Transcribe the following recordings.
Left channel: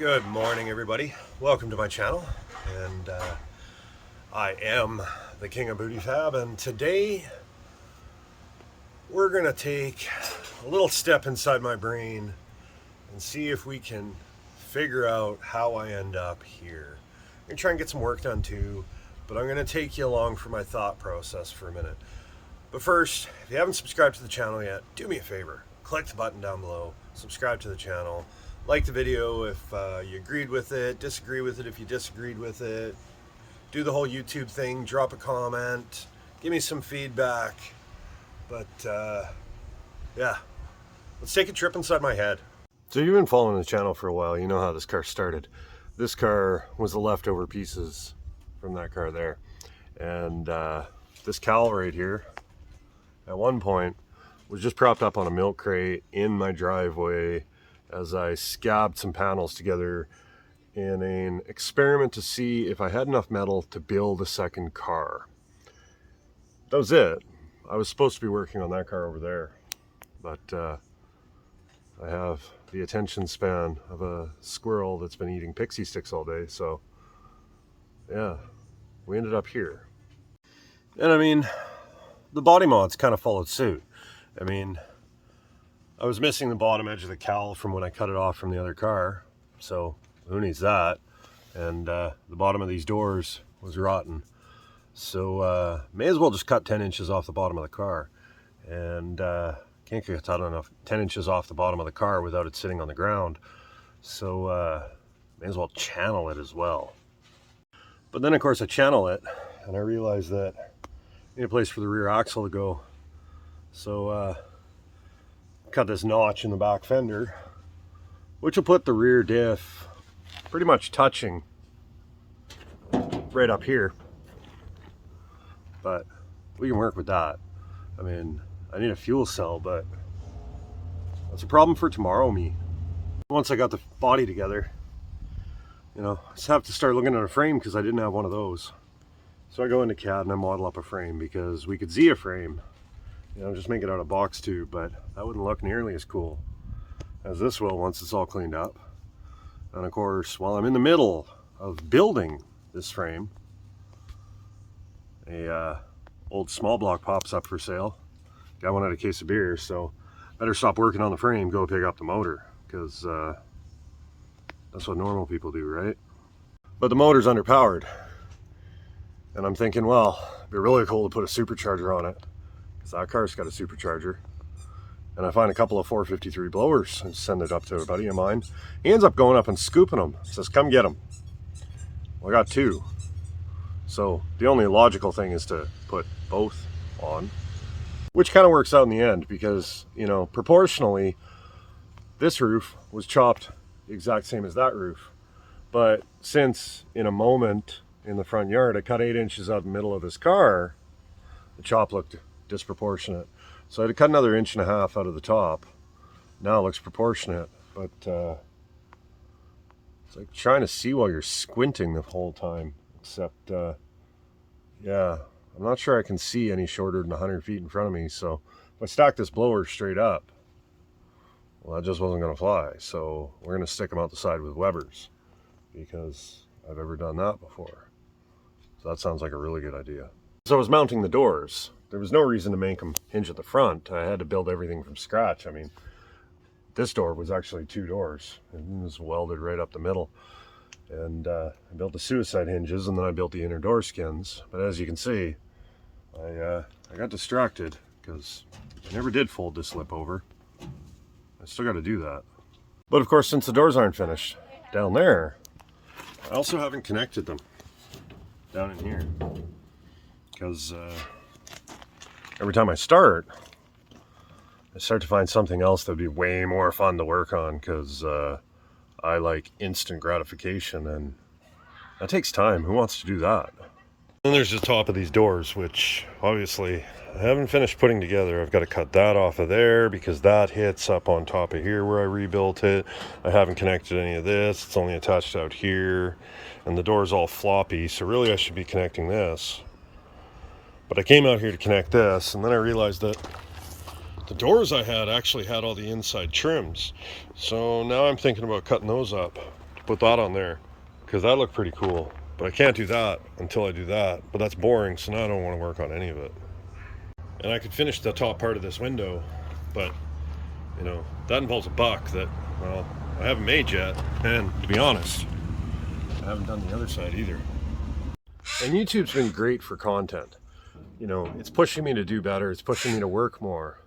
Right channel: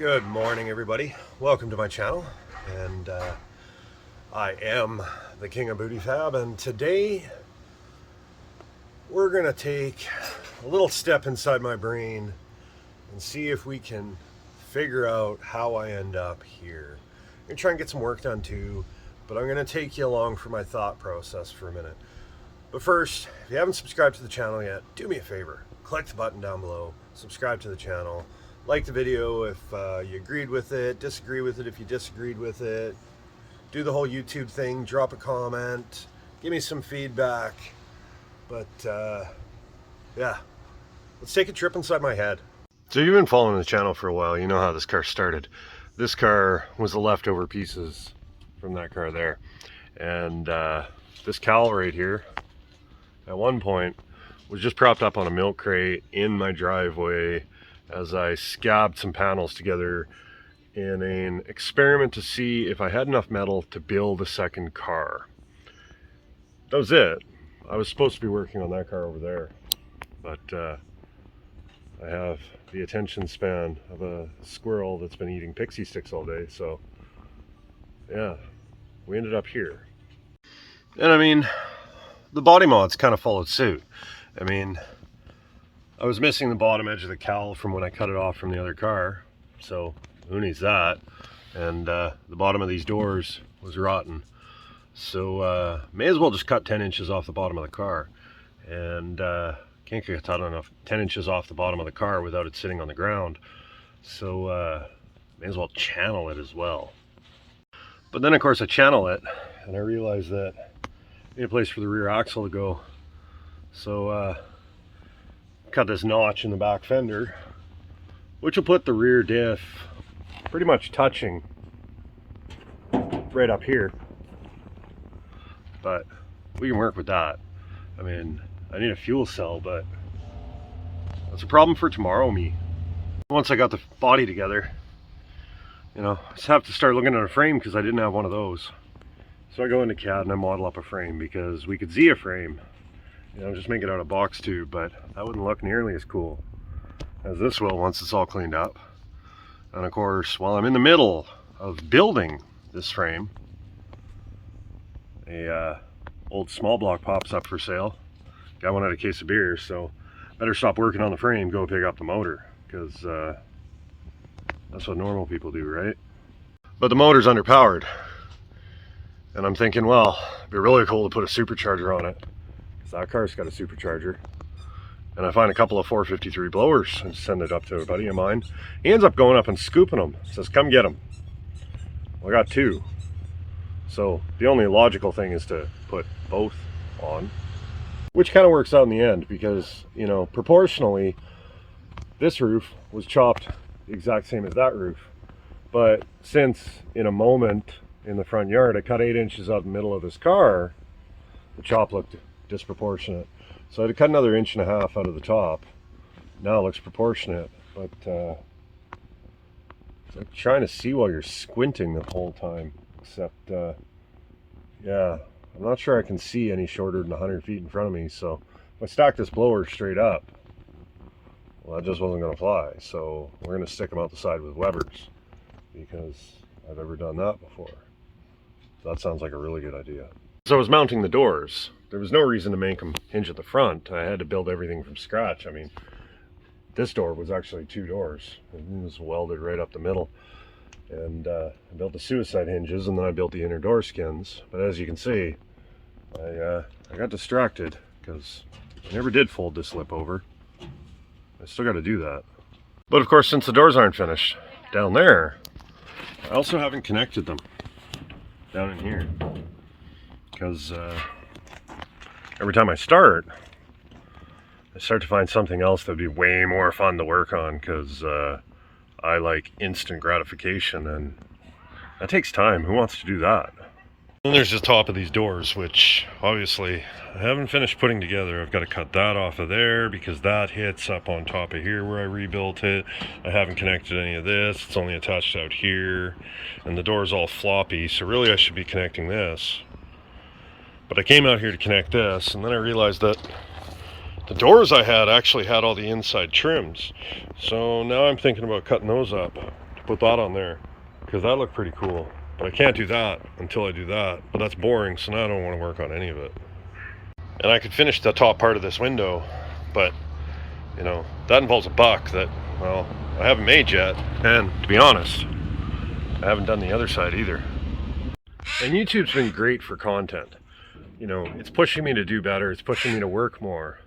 Good morning, everybody. Welcome to my channel, and I am the King of Booty Fab, and today we're gonna take a little step inside my brain and see if we can figure out how I end up here. I'm gonna try and get some work done too, but I'm gonna take you along for my thought process for a minute. But first, if you haven't subscribed to the channel yet, do me a favor, click the button down below, subscribe to the channel. Like the video if you agreed with it, disagree with it if you disagreed with it. Do the whole YouTube thing, drop a comment, give me some feedback. But yeah, let's take a trip inside my head. So you've been following the channel for a while, you know how this car started. This car was the leftover pieces from that car there. And this cowl right here, at one point, was just propped up on a milk crate in my driveway as I scabbed some panels together in an experiment to see if I had enough metal to build a second car. That was it. I was supposed to be working on that car over there, but I have the attention span of a squirrel that's been eating pixie sticks all day, so yeah, we ended up here. And I mean, the body mods kind of followed suit. I mean, I was missing the bottom edge of the cowl from when I cut it off from the other car, so who needs that? And the bottom of these doors was rotten, so may as well just cut 10 inches off the bottom of the car. And can't get enough 10 inches off the bottom of the car without it sitting on the ground, so may as well channel it as well. But then of course I channel it and I realized that I need a place for the rear axle to go, so cut this notch in the back fender, which will put the rear diff pretty much touching right up here, but we can work with that. I mean, I need a fuel cell, but that's a problem for tomorrow me. Once I got the body together, you know, I just have to start looking at a frame because I didn't have one of those. So I go into CAD and I model up a frame because we could see a frame, you know, just make it out of box tube, but that wouldn't look nearly as cool as this will once it's all cleaned up. And of course, while I'm in the middle of building this frame, a old small block pops up for sale. Guy wanted a case of beer, so better stop working on the frame, go pick up the motor, because that's what normal people do, right? But the motor's underpowered, and I'm thinking, well, it'd be really cool to put a supercharger on it. That car's got a supercharger, and I find a couple of 453 blowers and send it up to a buddy of mine. He ends up going up and scooping them, says come get them. Well, I got two, so the only logical thing is to put both on, which kind of works out in the end because, you know, proportionally this roof was chopped the exact same as that roof, but since in a moment in the front yard I cut 8 inches out the middle of this car, the chop looked disproportionate, so I had to cut another 1.5 inches out of the top. Now it looks proportionate, but it's like trying to see while you're squinting the whole time, except yeah, I'm not sure I can see any shorter than 100 feet in front of me. So if I stack this blower straight up, well, that just wasn't going to fly, so we're going to stick them out the side with Webers because I've never done that before. So that sounds like a really good idea. So I was mounting the doors. There was no reason to make them hinge at the front. I had to build everything from scratch. I mean, this door was actually 2 doors. It was welded right up the middle. And I built the suicide hinges, and then I built the inner door skins. But as you can see, I got distracted because I never did fold this lip over. I still got to do that. But of course, since the doors aren't finished down there, I also haven't connected them down in here. Because every time I start to find something else that would be way more fun to work on, because I like instant gratification, and that takes time. Who wants to do that? Then there's the top of these doors, which obviously I haven't finished putting together. I've got to cut that off of there because that hits up on top of here where I rebuilt it. I haven't connected any of this. It's only attached out here, and the door's all floppy, so really I should be connecting this. But I came out here to connect this, and then I realized that the doors I had actually had all the inside trims. So now I'm thinking about cutting those up to put that on there because that looked pretty cool. But I can't do that until I do that. But that's boring, so now I don't want to work on any of it. And I could finish the top part of this window, but you know, that involves a buck that, well, I haven't made yet. And to be honest, I haven't done the other side either. And YouTube's been great for content. You know, it's pushing me to do better. It's pushing me to work more.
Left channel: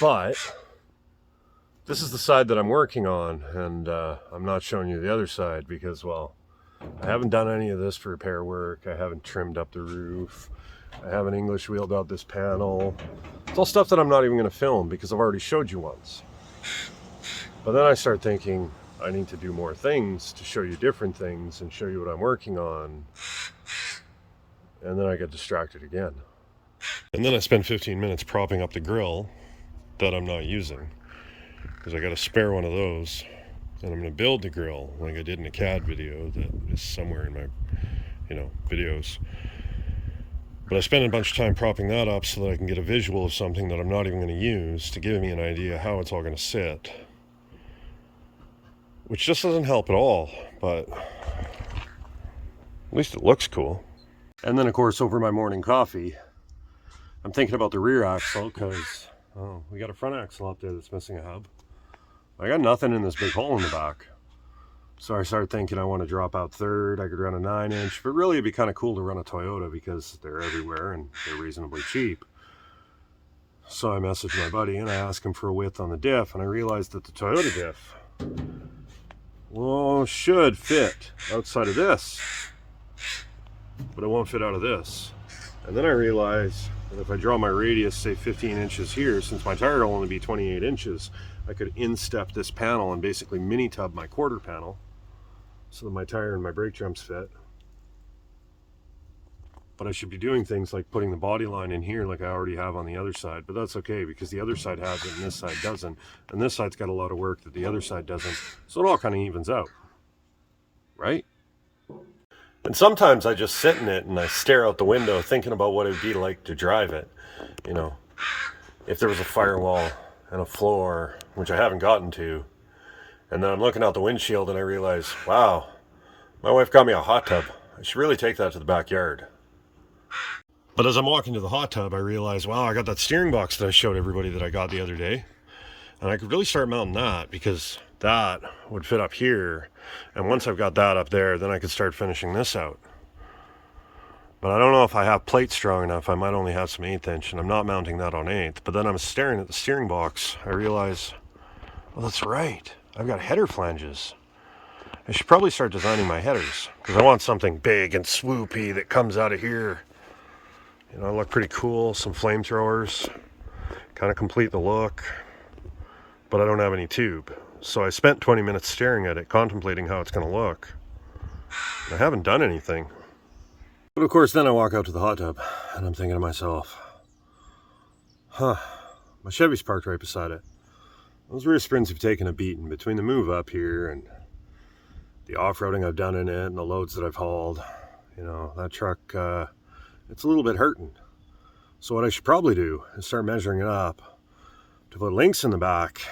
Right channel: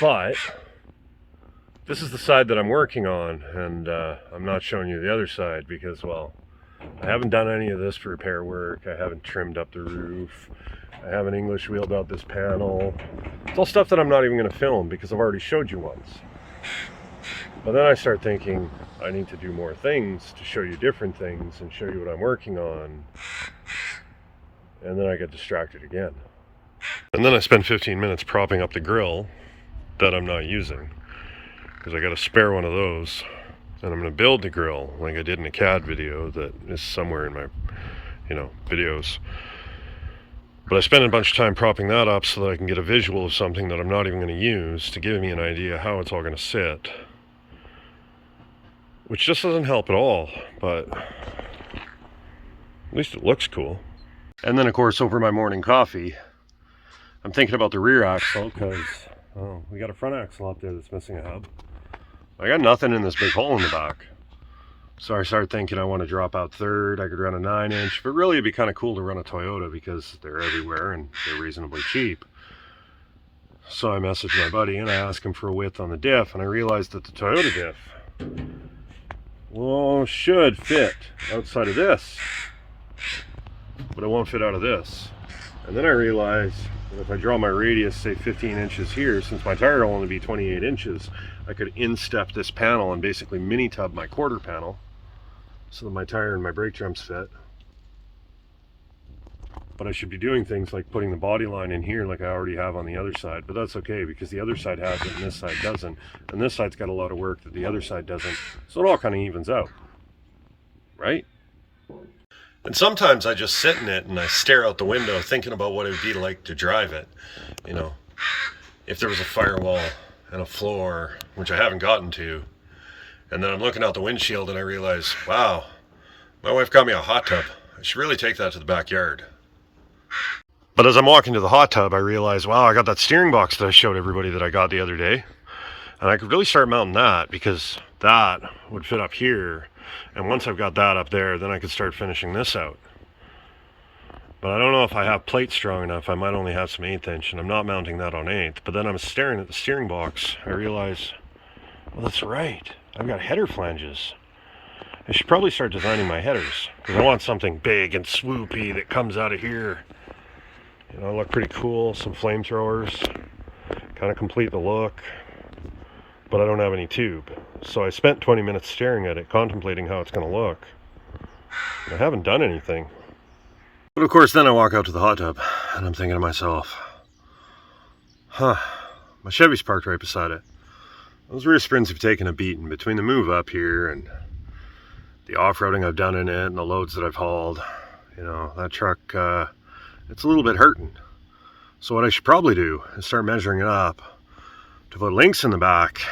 But this is the side that I'm working on, and I'm not showing you the other side because, well, I haven't done any of this repair work. I haven't trimmed up the roof. I haven't English wheeled out this panel. It's all stuff that I'm not even going to film because I've already showed you once. But then I start thinking I need to do more things to show you different things and show you what I'm working on. And then I get distracted again. And then I spend 15 minutes propping up the grill that I'm not using because I got a spare one of those. And I'm going to build the grill like I did in a CAD video that is somewhere in my, videos. But I spent a bunch of time propping that up so that I can get a visual of something that I'm not even going to use to give me an idea how it's all going to sit. Which just doesn't help at all, but at least it looks cool. And then, of course, over my morning coffee, I'm thinking about the rear axle because, we got a front axle up there that's missing a hub. I got nothing in this big hole in the back. So I started thinking I want to drop out third. I could run a 9-inch, but really it'd be kind of cool to run a Toyota because they're everywhere and they're reasonably cheap. So I messaged my buddy and I asked him for a width on the diff, and I realized that the Toyota diff, well, should fit outside of this, but it won't fit out of this. And then I realized that if I draw my radius, say 15 inches here, since my tire will only be 28 inches, I could instep this panel and basically mini tub my quarter panel so that my tire and my brake drums fit. But I should be doing things like putting the body line in here like I already have on the other side, but that's okay because the other side has it and this side doesn't, and this side's got a lot of work that the other side doesn't, so it all kind of evens out, right? And sometimes I just sit in it and I stare out the window thinking about what it'd be like to drive it. You know, if there was a firewall and a floor, which I haven't gotten to, and then I'm looking out the windshield and I realize, wow, my wife got me a hot tub. I should really take that to the backyard. But as I'm walking to the hot tub, I realize, wow, I got that steering box that I showed everybody that I got the other day. And I could really start mounting that because that would fit up here. And once I've got that up there, then I could start finishing this out. But I don't know if I have plates strong enough. I might only have some 1/8 inch, and I'm not mounting that on 1/8. But then I'm staring at the steering box. I realize, well, that's right. I've got header flanges. I should probably start designing my headers because I want something big and swoopy that comes out of here. You know, look pretty cool. Some flamethrowers, kind of complete the look. But I don't have any tube. So I spent 20 minutes staring at it, contemplating how it's going to look. I haven't done anything. But of course, then I walk out to the hot tub, and I'm thinking to myself, my Chevy's parked right beside it. Those rear springs have taken a beating between the move up here and the off-roading I've done in it and the loads that I've hauled. You know, that truck, it's a little bit hurting. So what I should probably do is start measuring it up to put links in the back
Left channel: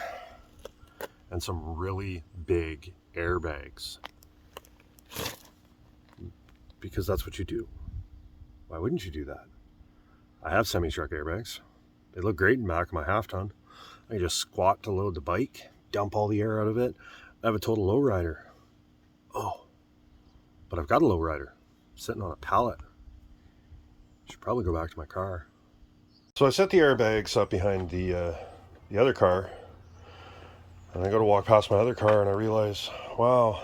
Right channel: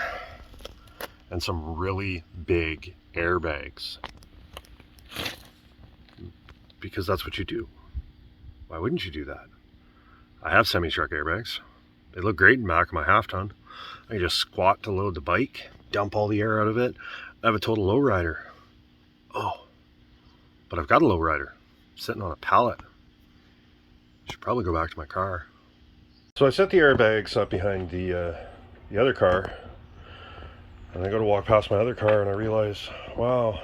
and some really big airbags. Because that's what you do. Why wouldn't you do that? I have semi-truck airbags. They look great in the back of my half-ton. I can just squat to load the bike, dump all the air out of it. I have a total lowrider. Oh, but I've got a lowrider sitting on a pallet. Should probably go back to my car. So I set the airbags up behind the other car, and I go to walk past my other car, and I realize, wow,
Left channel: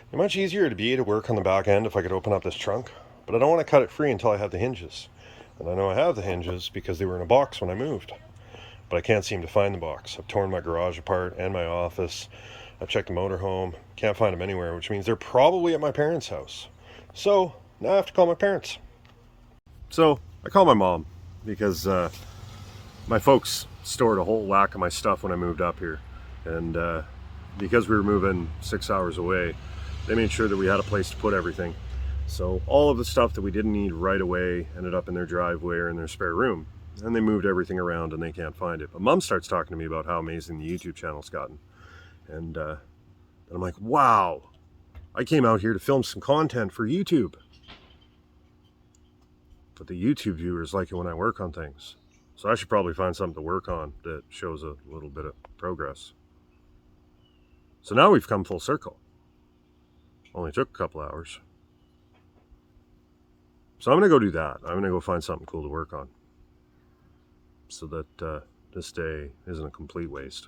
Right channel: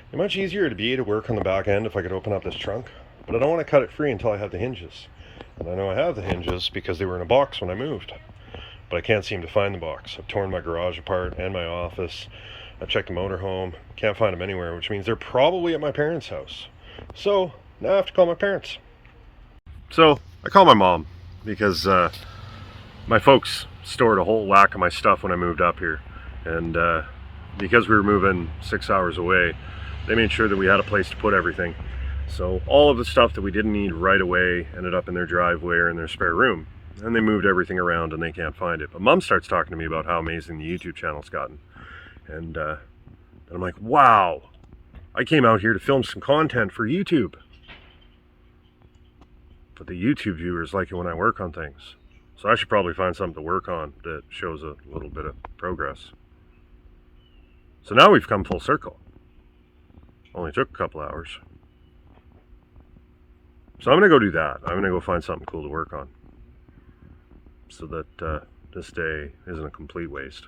it'd be much easier to be able to work on the back end if I could open up this trunk, but I don't want to cut it free until I have the hinges. And I know I have the hinges because they were in a box when I moved, but I can't seem to find the box. I've torn my garage apart and my office. I checked the motorhome, can't find them anywhere, which means they're probably at my parents' house. So now I have to call my parents. So I call my mom because my folks stored a whole whack of my stuff when I moved up here, and because we were moving 6 hours away, they made sure that we had a place to put everything. So all of the stuff that we didn't need right away ended up in their driveway or in their spare room, and they moved everything around and they can't find it. But Mom starts talking to me about how amazing the YouTube channel's gotten, And I'm like, wow, I came out here to film some content for YouTube. But the YouTube viewers like it when I work on things. So I should probably find something to work on that shows a little bit of progress. So now we've come full circle. Only took a couple hours. So I'm going to go do that. I'm going to go find something cool to work on. So that this day isn't a complete waste.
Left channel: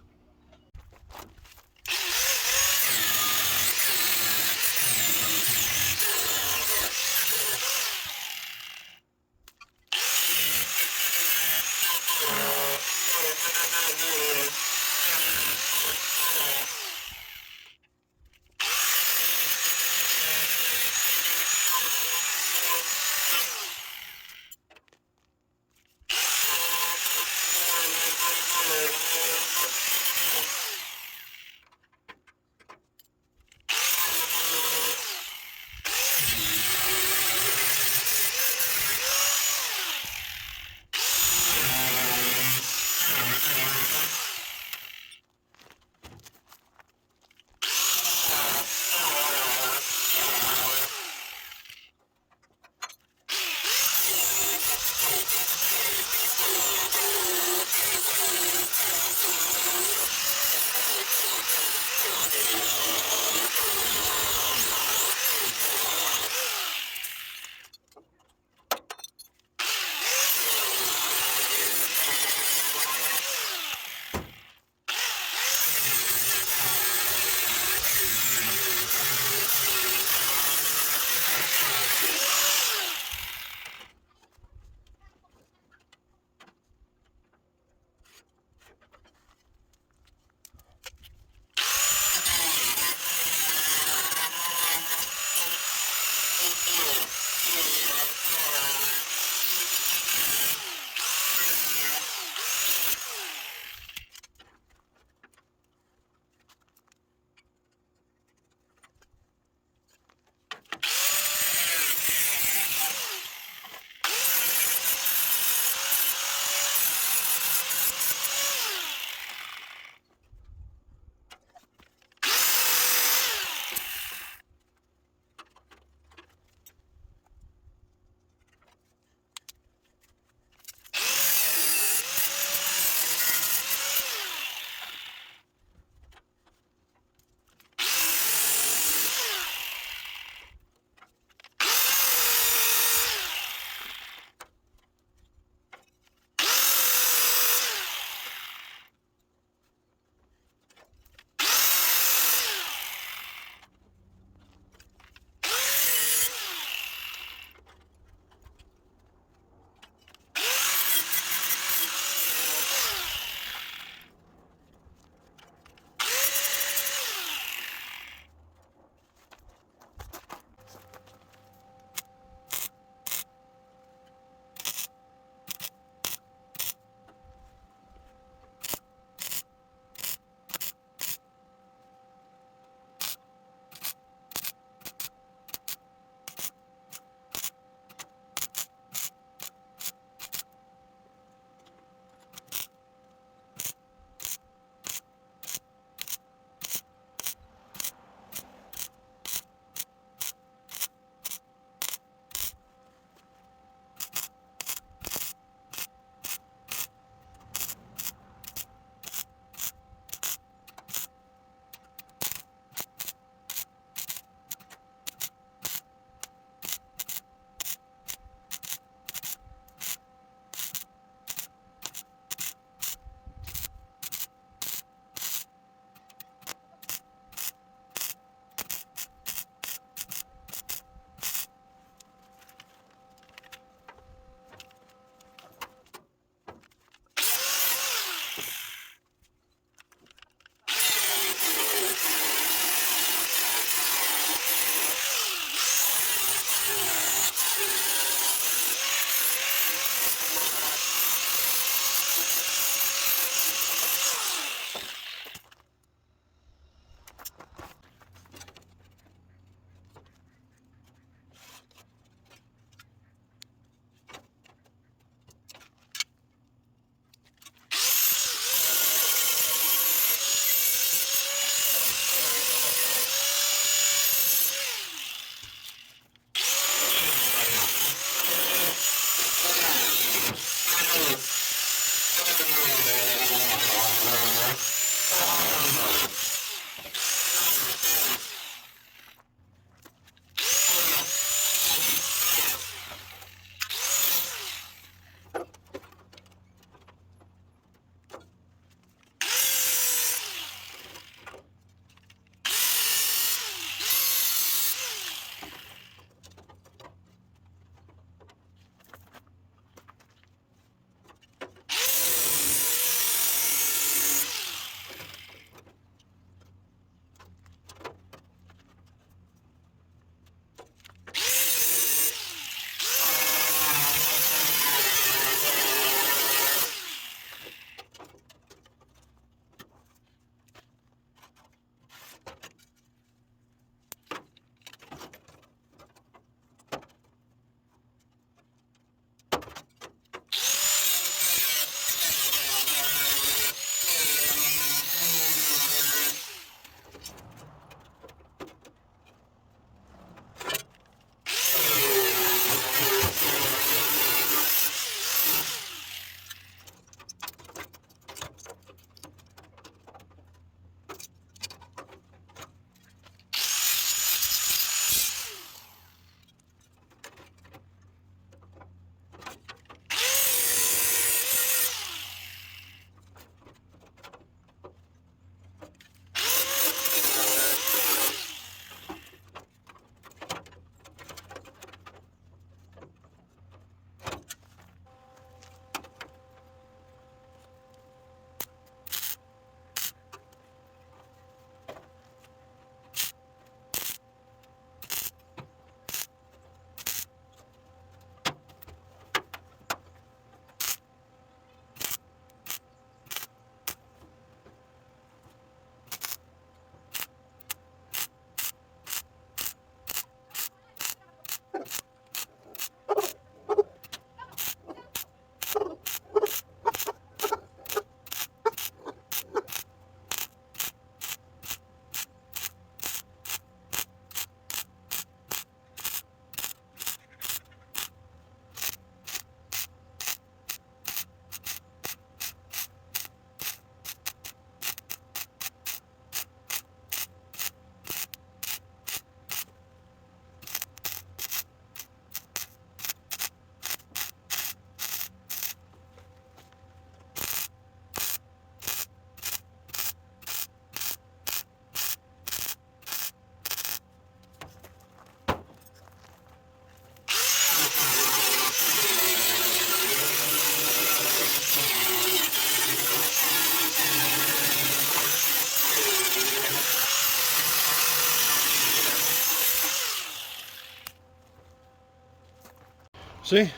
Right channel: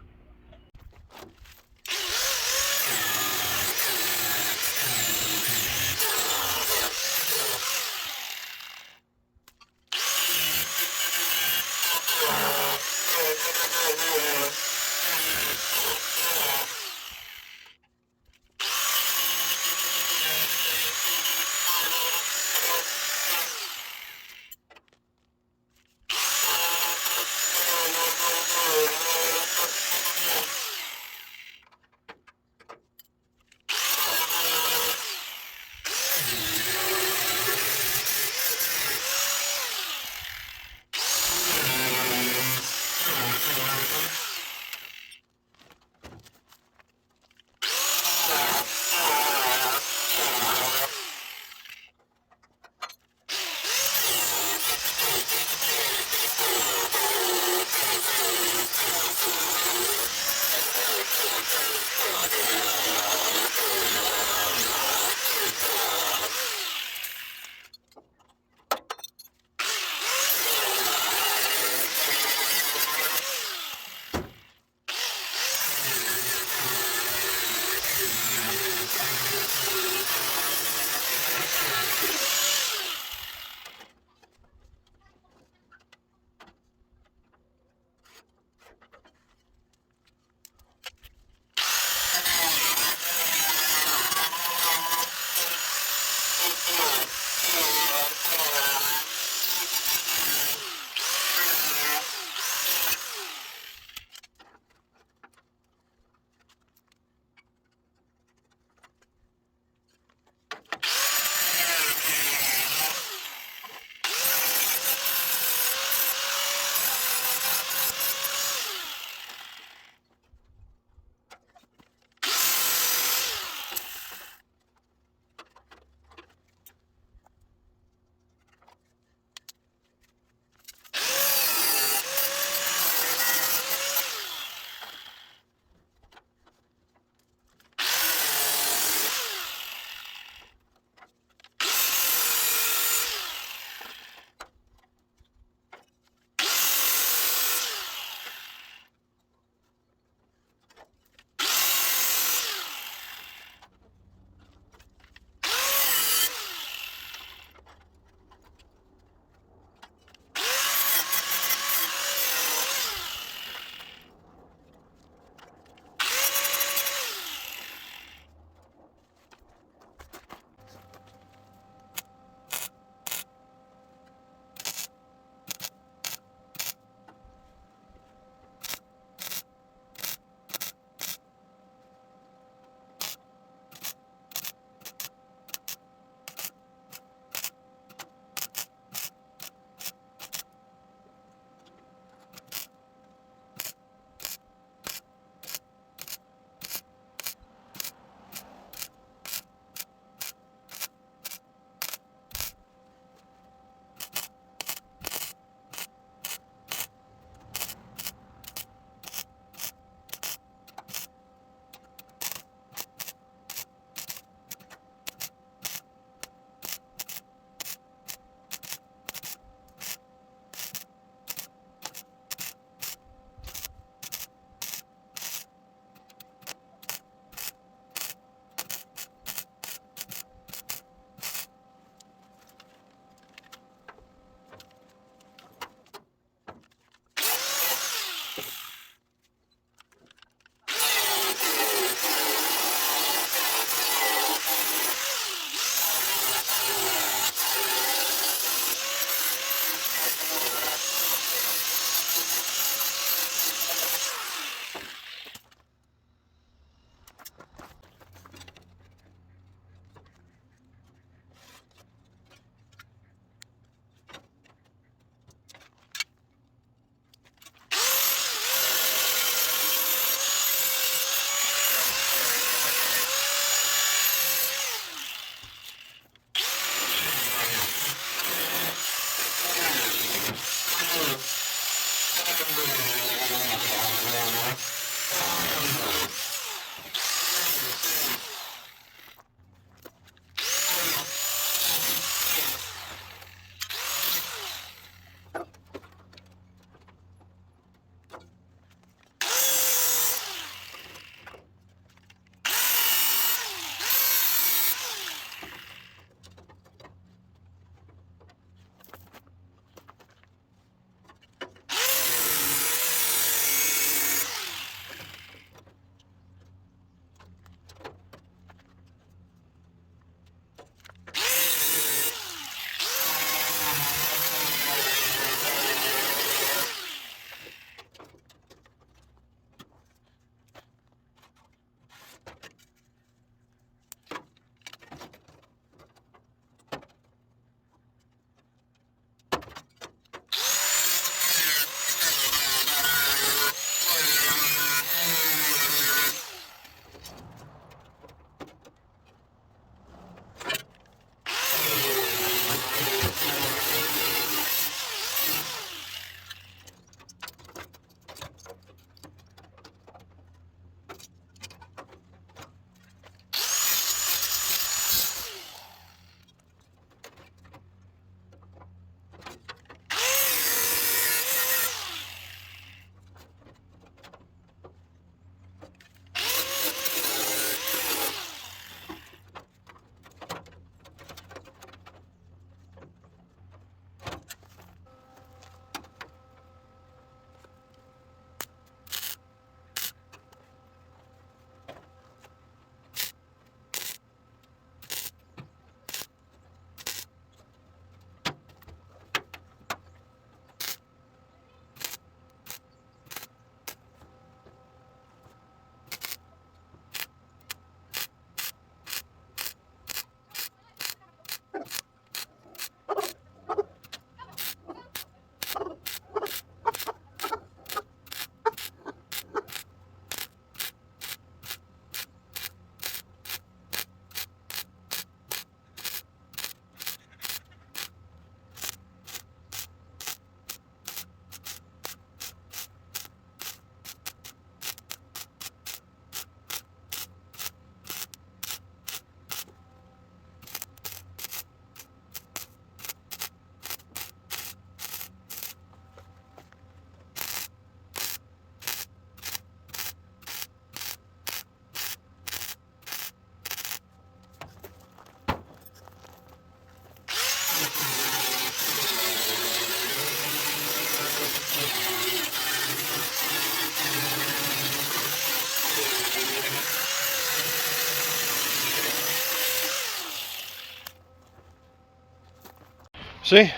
See, a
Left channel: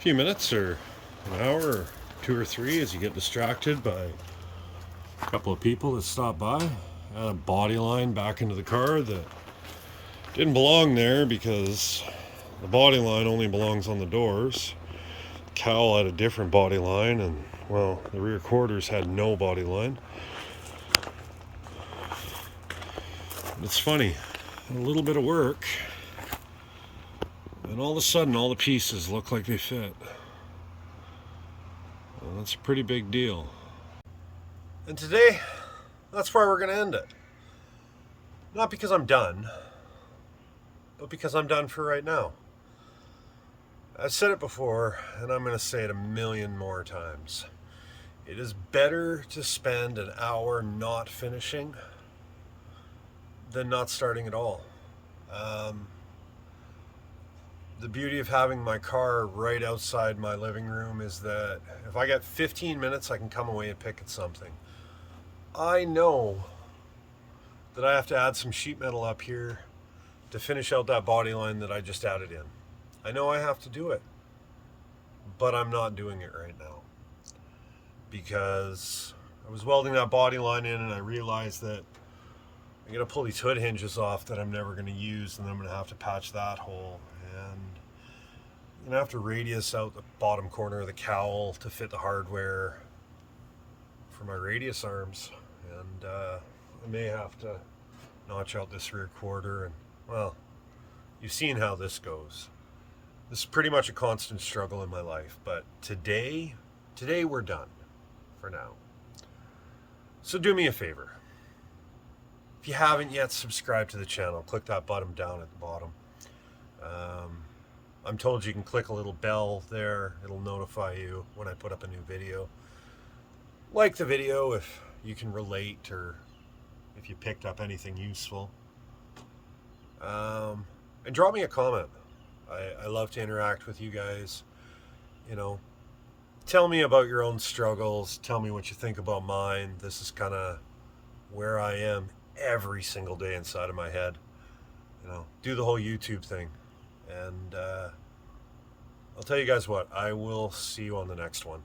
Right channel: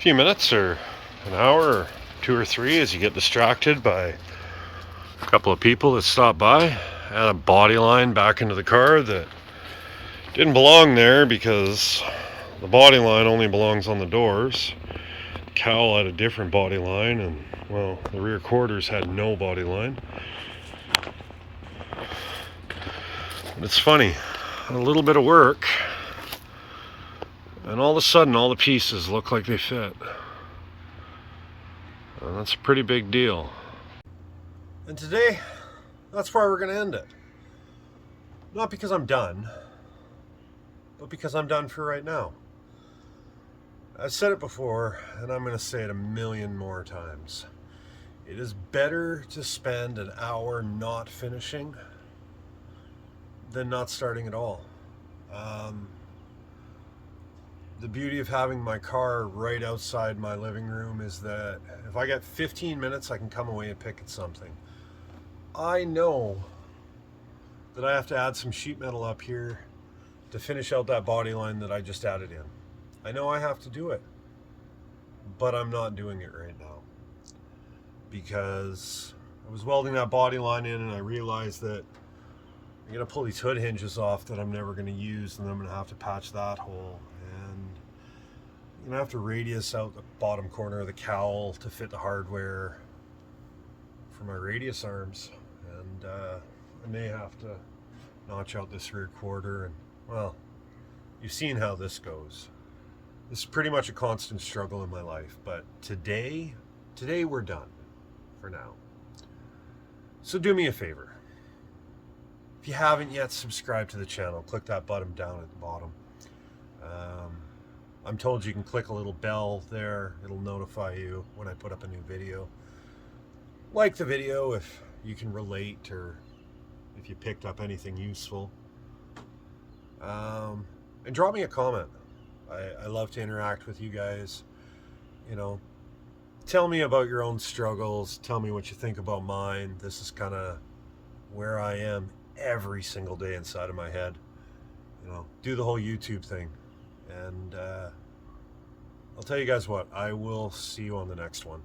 few minutes or an hour or 2 or 3 as you get distracted by a couple of people that stop by. Add a body line back into the car that didn't belong there because the body line only belongs on the doors. The cowl had a different body line, and well, the rear quarters had no body line. But it's funny, a little bit of work, and all of a sudden all the pieces look like they fit. And that's a pretty big deal. And today, that's where we're going to end it. Not because I'm done, but because I'm done for right now. I've said it before, and I'm going to say it a million more times. It is better to spend an hour not finishing than not starting at all. The beauty of having my car right outside my living room is that if I get 15 minutes, I can come away and pick at something. I know that I have to add some sheet metal up here to finish out that body line that I just added in. I know I have to do it, but I'm not doing it right now because I was welding that body line in and I realized that I'm going to pull these hood hinges off that I'm never going to use, and then I'm going to have to patch that hole, and I'm going to have to radius out the bottom corner of the cowl to fit the hardware for my radius arms, and I may have to notch out this rear quarter, and well, you've seen how this goes. This is pretty much a constant struggle in my life, but today we're done for now. So do me a favor. If you haven't yet subscribed to the channel, click that button down at the bottom. I'm told you can click a little bell there. It'll notify you when I put up a new video. Like the video if you can relate or if you picked up anything useful. And drop me a comment. I love to interact with you guys. You know, tell me about your own struggles. Tell me what you think about mine. This is kind of where I am every single day inside of my head. You know, do the whole YouTube thing. And I'll tell you guys what, I will see you on the next one.